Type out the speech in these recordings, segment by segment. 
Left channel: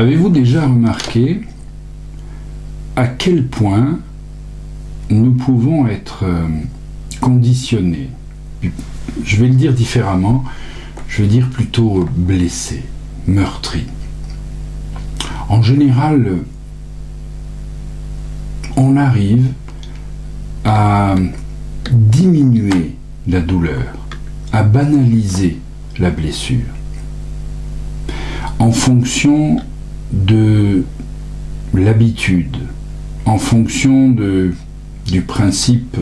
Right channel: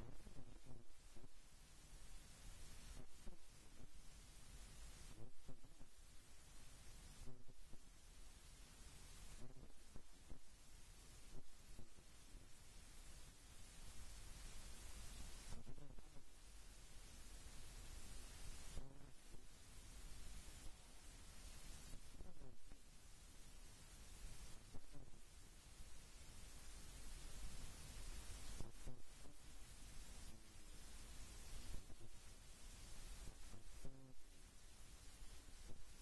Avez-vous déjà remarqué à quel point nous pouvons être conditionnés? Je vais le dire différemment, je vais dire plutôt blessés, meurtris. En général, on arrive à diminuer la douleur, à banaliser la blessure, en fonction de l'habitude, en fonction du principe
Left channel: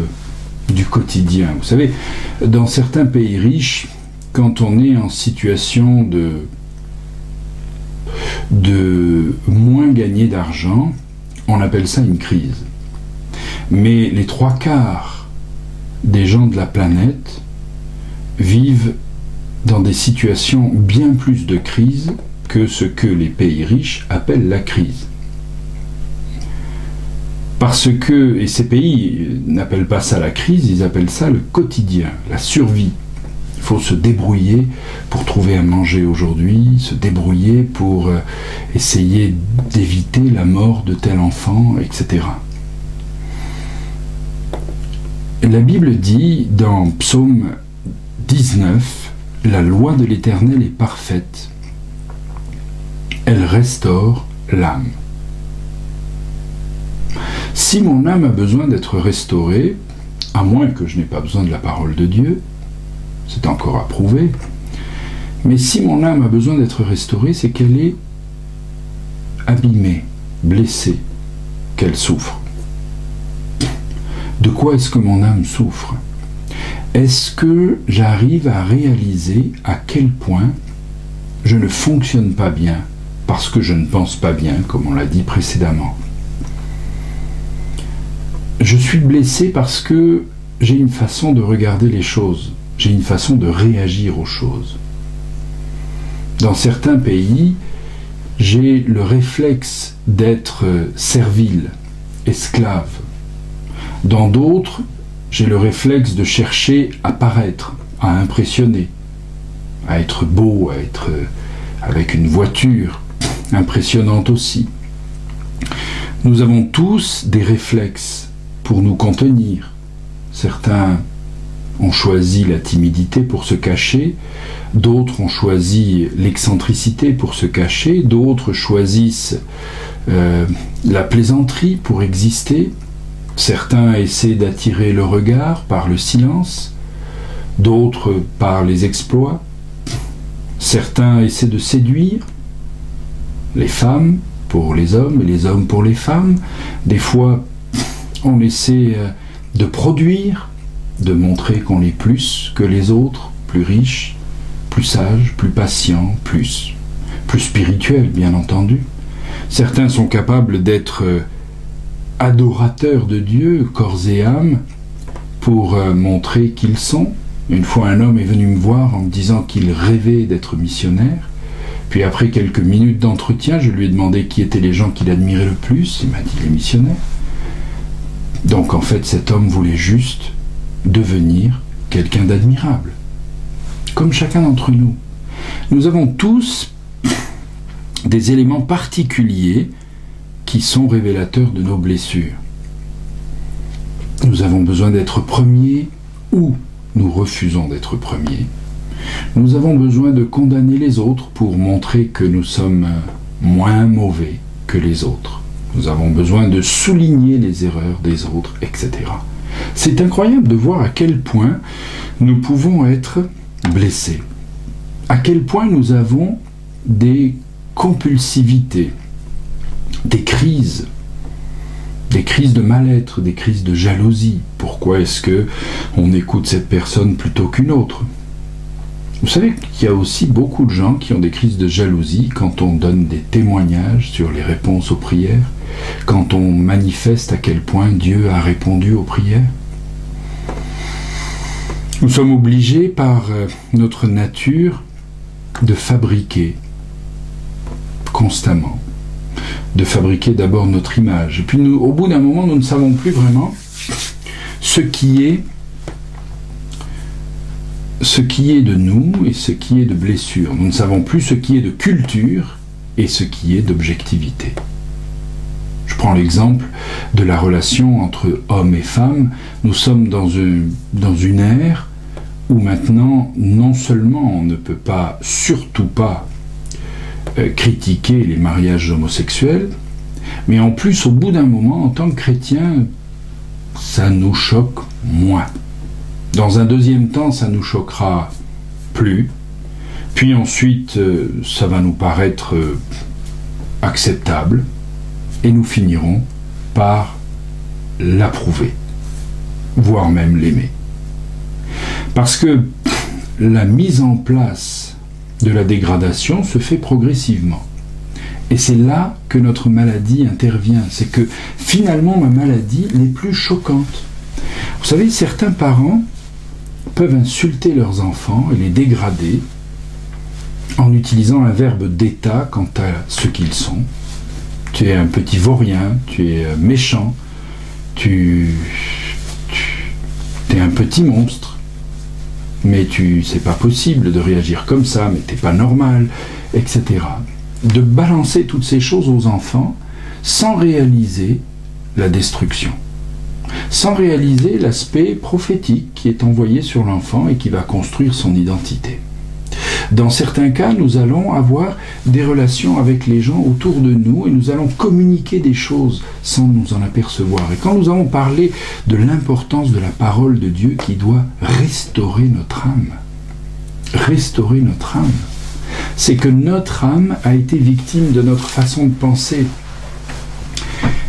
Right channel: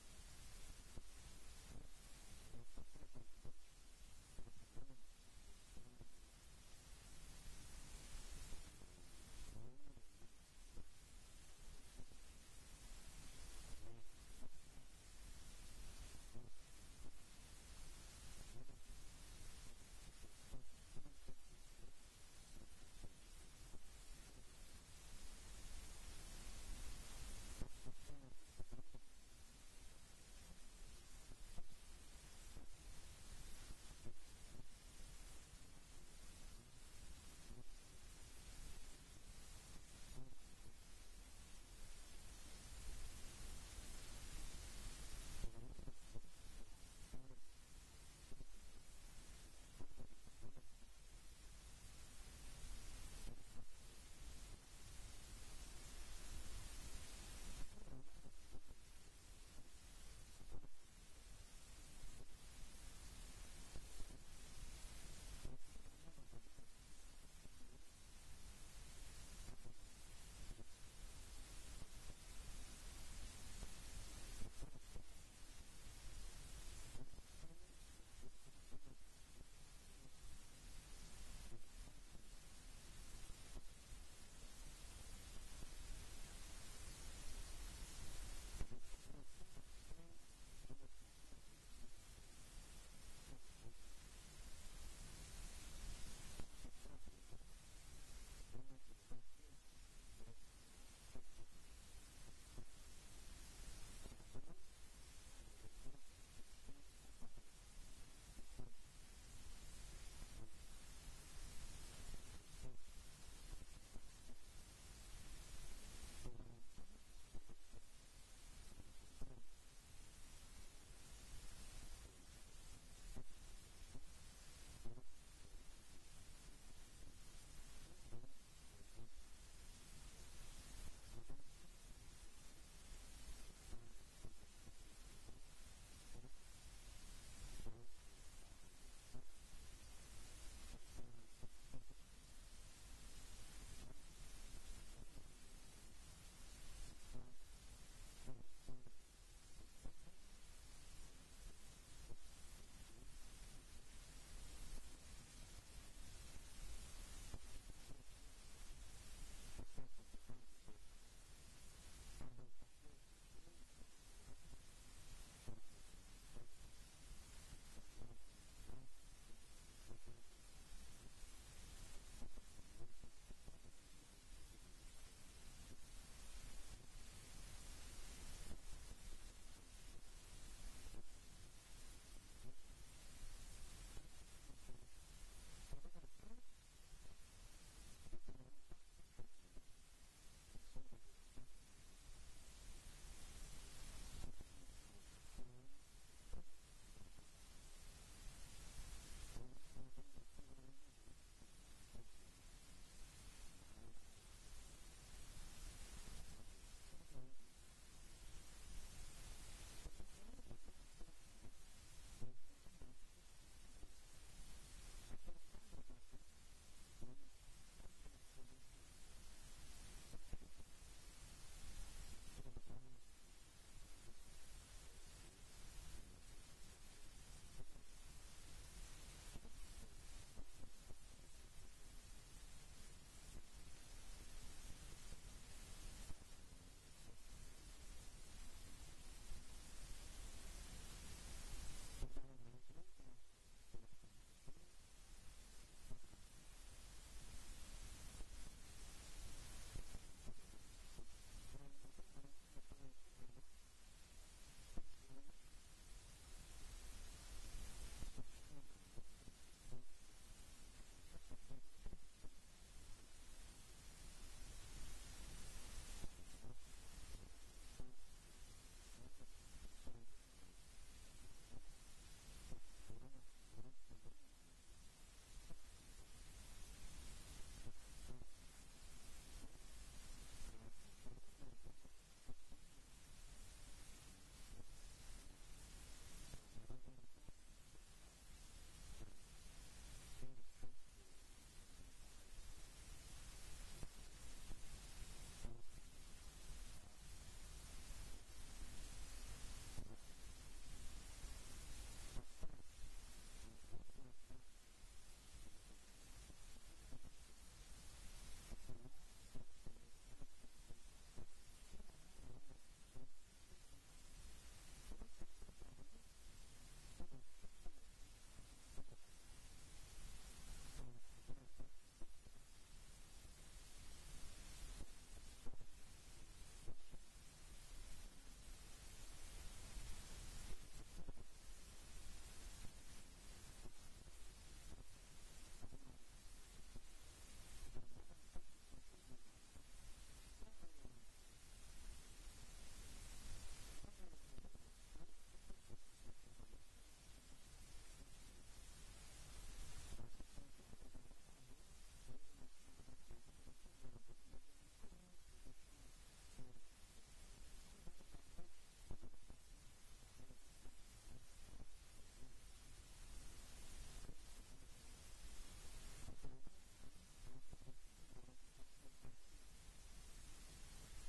du quotidien. Vous savez, dans certains pays riches, quand on est en situation de moins gagner d'argent, on appelle ça une crise. Mais les 3/4 des gens de la planète vivent dans des situations bien plus de crise que ce que les pays riches appellent la crise. Parce que, et ces pays n'appellent pas ça la crise, ils appellent ça le quotidien, la survie. Il faut se débrouiller pour trouver à manger aujourd'hui, se débrouiller pour essayer d'éviter la mort de tel enfant, etc. La Bible dit dans Psaume 19, « La loi de l'Éternel est parfaite, elle restaure l'âme. » Si mon âme a besoin d'être restaurée, à moins que je n'ai pas besoin de la parole de Dieu, c'est encore à prouver, mais si mon âme a besoin d'être restaurée, c'est qu'elle est abîmée, blessée, qu'elle souffre. De quoi est-ce que mon âme souffre? Est-ce que j'arrive à réaliser à quel point je ne fonctionne pas bien parce que je ne pense pas bien, comme on l'a dit précédemment? Je suis blessé parce que j'ai une façon de regarder les choses, j'ai une façon de réagir aux choses. Dans certains pays, j'ai le réflexe d'être servile, esclave. Dans d'autres, j'ai le réflexe de chercher à paraître, à impressionner, à être beau, à être avec une voiture impressionnante aussi. Nous avons tous des réflexes pour nous contenir. Certains ont choisi la timidité pour se cacher, d'autres ont choisi l'excentricité pour se cacher, d'autres choisissent la plaisanterie pour exister. Certains essaient d'attirer le regard par le silence, d'autres par les exploits. Certains essaient de séduire, les femmes pour les hommes et les hommes pour les femmes. Des fois, on essaie de produire, de montrer qu'on est plus que les autres, plus riches, plus sages, plus patients, plus spirituels, bien entendu. Certains sont capables d'être adorateurs de Dieu, corps et âme, pour montrer qu'ils sont. Une fois, un homme est venu me voir en me disant qu'il rêvait d'être missionnaire. Puis après quelques minutes d'entretien, je lui ai demandé qui étaient les gens qu'il admirait le plus. Il m'a dit les missionnaires. Donc en fait, cet homme voulait juste devenir quelqu'un d'admirable, comme chacun d'entre nous. Nous avons tous des éléments particuliers qui sont révélateurs de nos blessures. Nous avons besoin d'être premiers ou nous refusons d'être premiers. Nous avons besoin de condamner les autres pour montrer que nous sommes moins mauvais que les autres. Nous avons besoin de souligner les erreurs des autres, etc. C'est incroyable de voir à quel point nous pouvons être blessés, à quel point nous avons des compulsivités, des crises de mal-être, des crises de jalousie. Pourquoi est-ce que on écoute cette personne plutôt qu'une autre? Vous savez qu'il y a aussi beaucoup de gens qui ont des crises de jalousie quand on donne des témoignages sur les réponses aux prières, quand on manifeste à quel point Dieu a répondu aux prières. Nous sommes obligés par notre nature de fabriquer constamment, de fabriquer d'abord notre image. Et puis nous, au bout d'un moment, nous ne savons plus vraiment ce qui est de nous et ce qui est de blessure. Nous ne savons plus ce qui est de culture et ce qui est d'objectivité. Je prends l'exemple de la relation entre hommes et femmes. Nous sommes dans une ère où maintenant, non seulement on ne peut pas, surtout pas, critiquer les mariages homosexuels, mais en plus, au bout d'un moment, en tant que chrétien, ça nous choque moins. Dans un deuxième temps, ça nous choquera plus. Puis ensuite, ça va nous paraître acceptable. Et nous finirons par l'approuver, voire même l'aimer. Parce que la mise en place de la dégradation se fait progressivement. Et c'est là que notre maladie intervient. C'est que finalement, ma maladie n'est plus choquante. Vous savez, certains parents peuvent insulter leurs enfants et les dégrader en utilisant un verbe d'état quant à ce qu'ils sont. Tu es un petit vaurien, tu es méchant, tu es un petit monstre, mais c'est pas possible de réagir comme ça, mais t'es pas normal, etc. De balancer toutes ces choses aux enfants sans réaliser la destruction, sans réaliser l'aspect prophétique qui est envoyé sur l'enfant et qui va construire son identité. Dans certains cas, nous allons avoir des relations avec les gens autour de nous et nous allons communiquer des choses sans nous en apercevoir. Et quand nous allons parler de l'importance de la parole de Dieu qui doit restaurer notre âme, c'est que notre âme a été victime de notre façon de penser.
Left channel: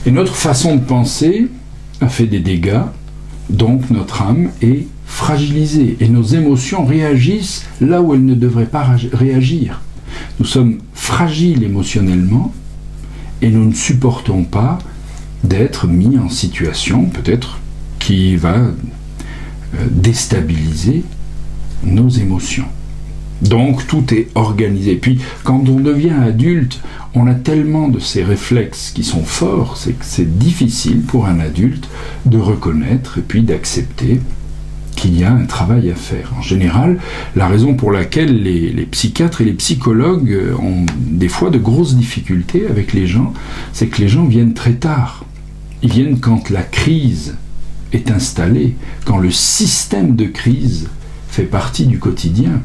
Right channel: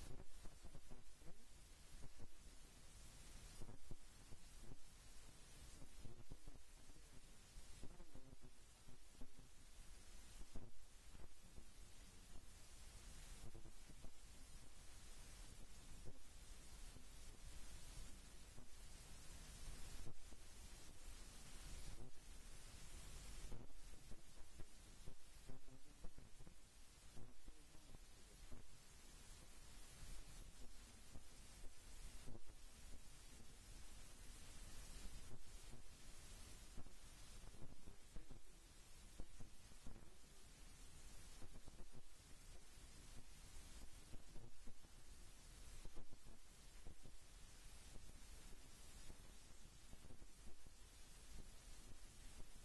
Et notre façon de penser a fait des dégâts, donc notre âme est fragilisée et nos émotions réagissent là où elles ne devraient pas réagir. Nous sommes fragiles émotionnellement et nous ne supportons pas d'être mis en situation peut-être qui va déstabiliser nos émotions. Donc tout est organisé. Puis quand on devient adulte, on a tellement de ces réflexes qui sont forts, c'est que c'est difficile pour un adulte de reconnaître et puis d'accepter qu'il y a un travail à faire. En général, la raison pour laquelle les psychiatres et les psychologues ont des fois de grosses difficultés avec les gens, c'est que les gens viennent très tard. Ils viennent quand la crise est installée, quand le système de crise fait partie du quotidien.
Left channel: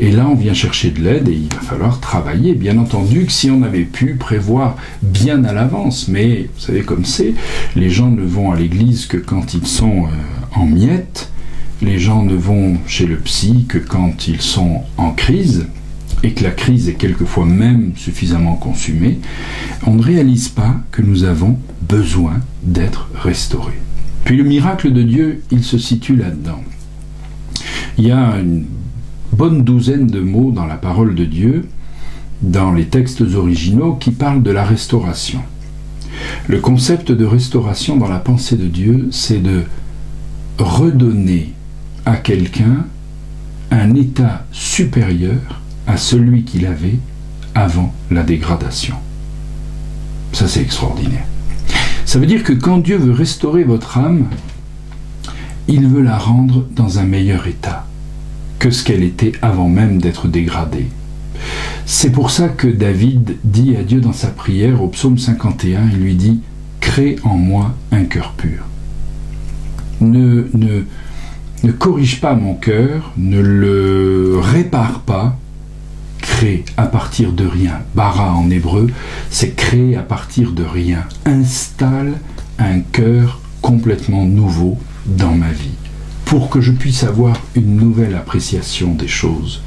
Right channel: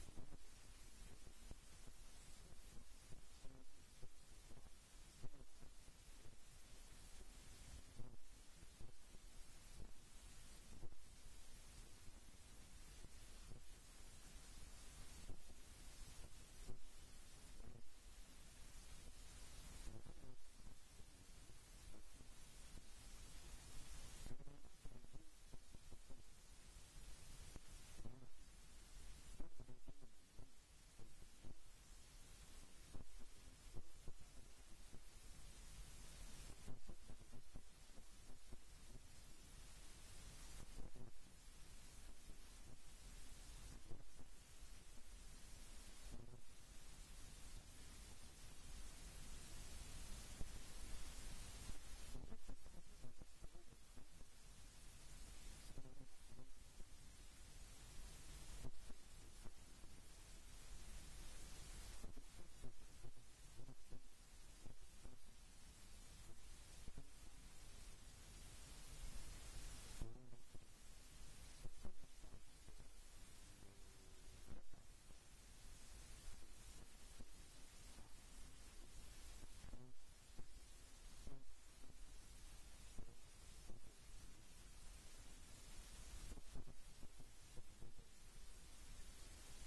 Et là, on vient chercher de l'aide et il va falloir travailler. Bien entendu que si on avait pu prévoir bien à l'avance, mais vous savez comme c'est, les gens ne vont à l'église que quand ils sont en miettes, les gens ne vont chez le psy que quand ils sont en crise, et que la crise est quelquefois même suffisamment consumée, on ne réalise pas que nous avons besoin d'être restaurés. Puis le miracle de Dieu, il se situe là-dedans. Il y a une bonne douzaine de mots dans la parole de Dieu, dans les textes originaux, qui parlent de la restauration. Le concept de restauration dans la pensée de Dieu, c'est de redonner à quelqu'un un état supérieur à celui qu'il avait avant la dégradation. Ça, c'est extraordinaire. Ça veut dire que quand Dieu veut restaurer votre âme, il veut la rendre dans un meilleur état que ce qu'elle était avant même d'être dégradée. C'est pour ça que David dit à Dieu dans sa prière, au psaume 51, il lui dit « Crée en moi un cœur pur ». Ne corrige pas mon cœur, ne le répare pas, crée à partir de rien. Bara en hébreu, c'est créer à partir de rien. Installe un cœur complètement nouveau dans ma vie, pour que je puisse avoir une nouvelle appréciation des choses,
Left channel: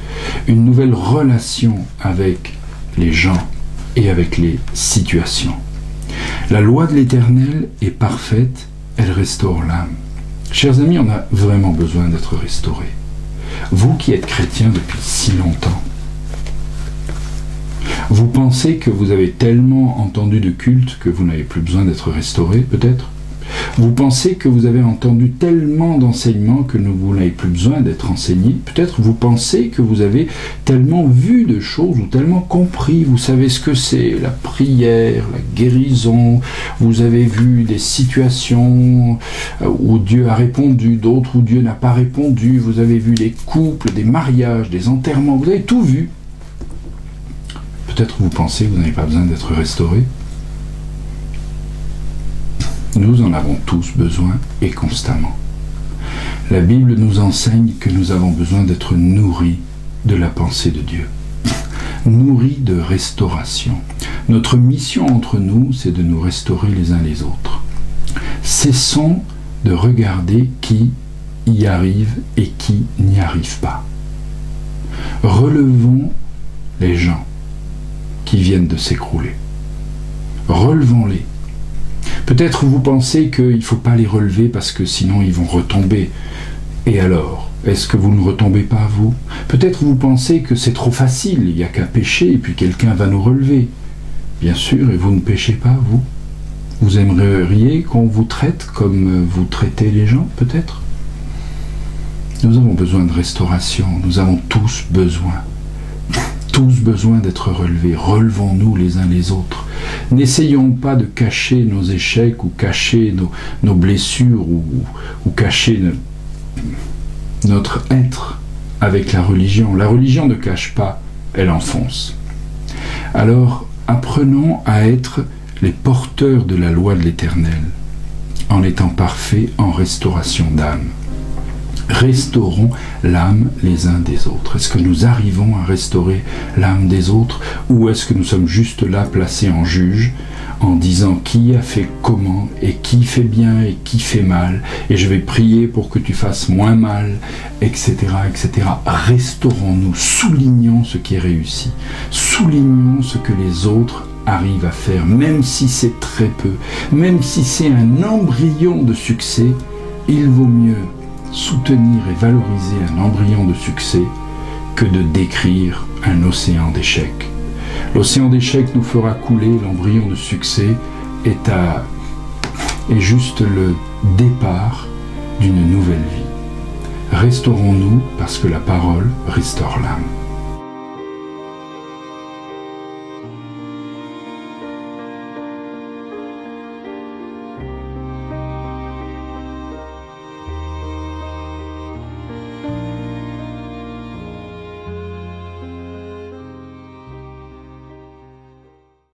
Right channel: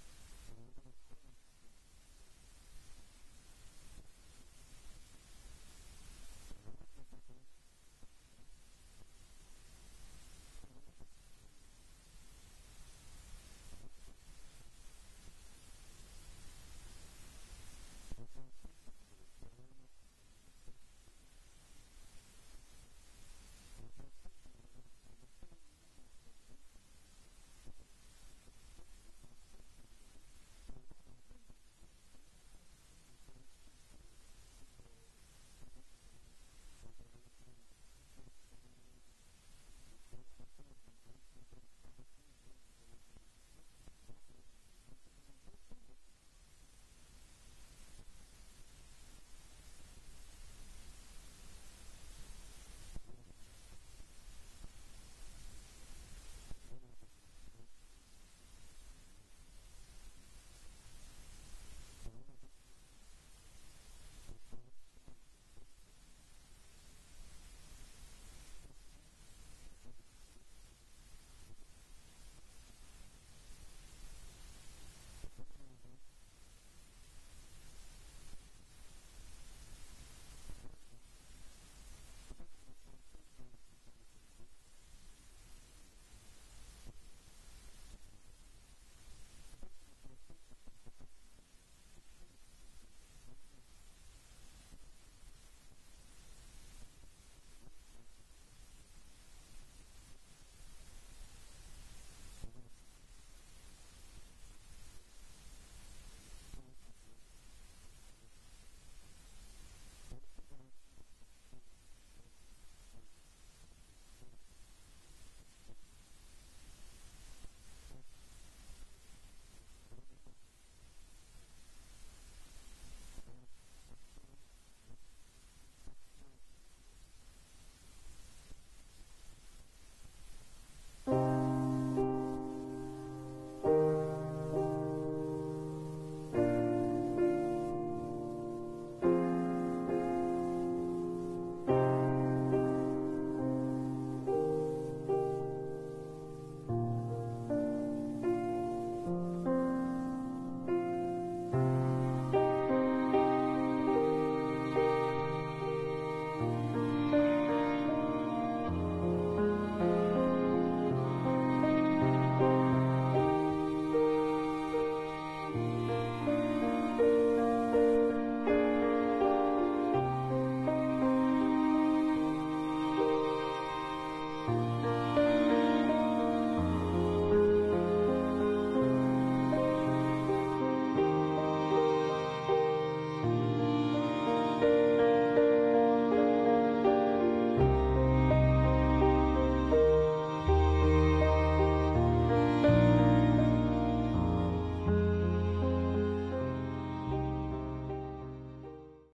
une nouvelle relation avec les gens et avec les situations. La loi de l'Éternel est parfaite, elle restaure l'âme. Chers amis, on a vraiment besoin d'être restaurés. Vous qui êtes chrétiens depuis si longtemps, vous pensez que vous avez tellement entendu de culte que vous n'avez plus besoin d'être restauré, peut-être ? Vous pensez que vous avez entendu tellement d'enseignements que vous n'avez plus besoin d'être enseigné. Peut-être vous pensez que vous avez tellement vu de choses ou tellement compris. Vous savez ce que c'est, la prière, la guérison. Vous avez vu des situations où Dieu a répondu, d'autres où Dieu n'a pas répondu. Vous avez vu des couples, des mariages, des enterrements. Vous avez tout vu. peut-être vous pensez que vous n'avez pas besoin d'être restauré. Nous en avons tous besoin et constamment. La Bible nous enseigne que nous avons besoin d'être nourris de la pensée de Dieu, nourris de restauration. Notre mission entre nous, c'est de nous restaurer les uns les autres. Cessons de regarder qui y arrive et qui n'y arrive pas. Relevons les gens qui viennent de s'écrouler. Relevons-les. Peut-être vous pensez qu'il ne faut pas les relever parce que sinon ils vont retomber. Et alors, est-ce que vous ne retombez pas, vous? Peut-être vous pensez que c'est trop facile, il n'y a qu'à pécher et puis quelqu'un va nous relever. Bien sûr, et vous ne péchez pas, vous? Vous aimeriez qu'on vous traite comme vous traitez les gens, peut-être? Nous avons besoin de restauration, nous avons tous besoin d'être relevés. Relevons-nous les uns les autres. N'essayons pas de cacher nos échecs ou cacher nos blessures ou cacher notre être avec la religion. La religion ne cache pas, elle enfonce. Alors, apprenons à être les porteurs de la loi de l'Éternel, en étant parfaits en restauration d'âme. Restaurons l'âme les uns des autres. Est-ce que nous arrivons à restaurer l'âme des autres, ou est-ce que nous sommes juste là placés en juge, en disant qui a fait comment, et qui fait bien et qui fait mal, et je vais prier pour que tu fasses moins mal, etc., etc. Restaurons-nous, soulignons ce qui est réussi, soulignons ce que les autres arrivent à faire, même si c'est très peu, même si c'est un embryon de succès. Il vaut mieux soutenir et valoriser un embryon de succès que de décrire un océan d'échecs. L'océan d'échecs nous fera couler, l'embryon de succès est juste le départ d'une nouvelle vie. Restaurons-nous parce que la parole restaure l'âme.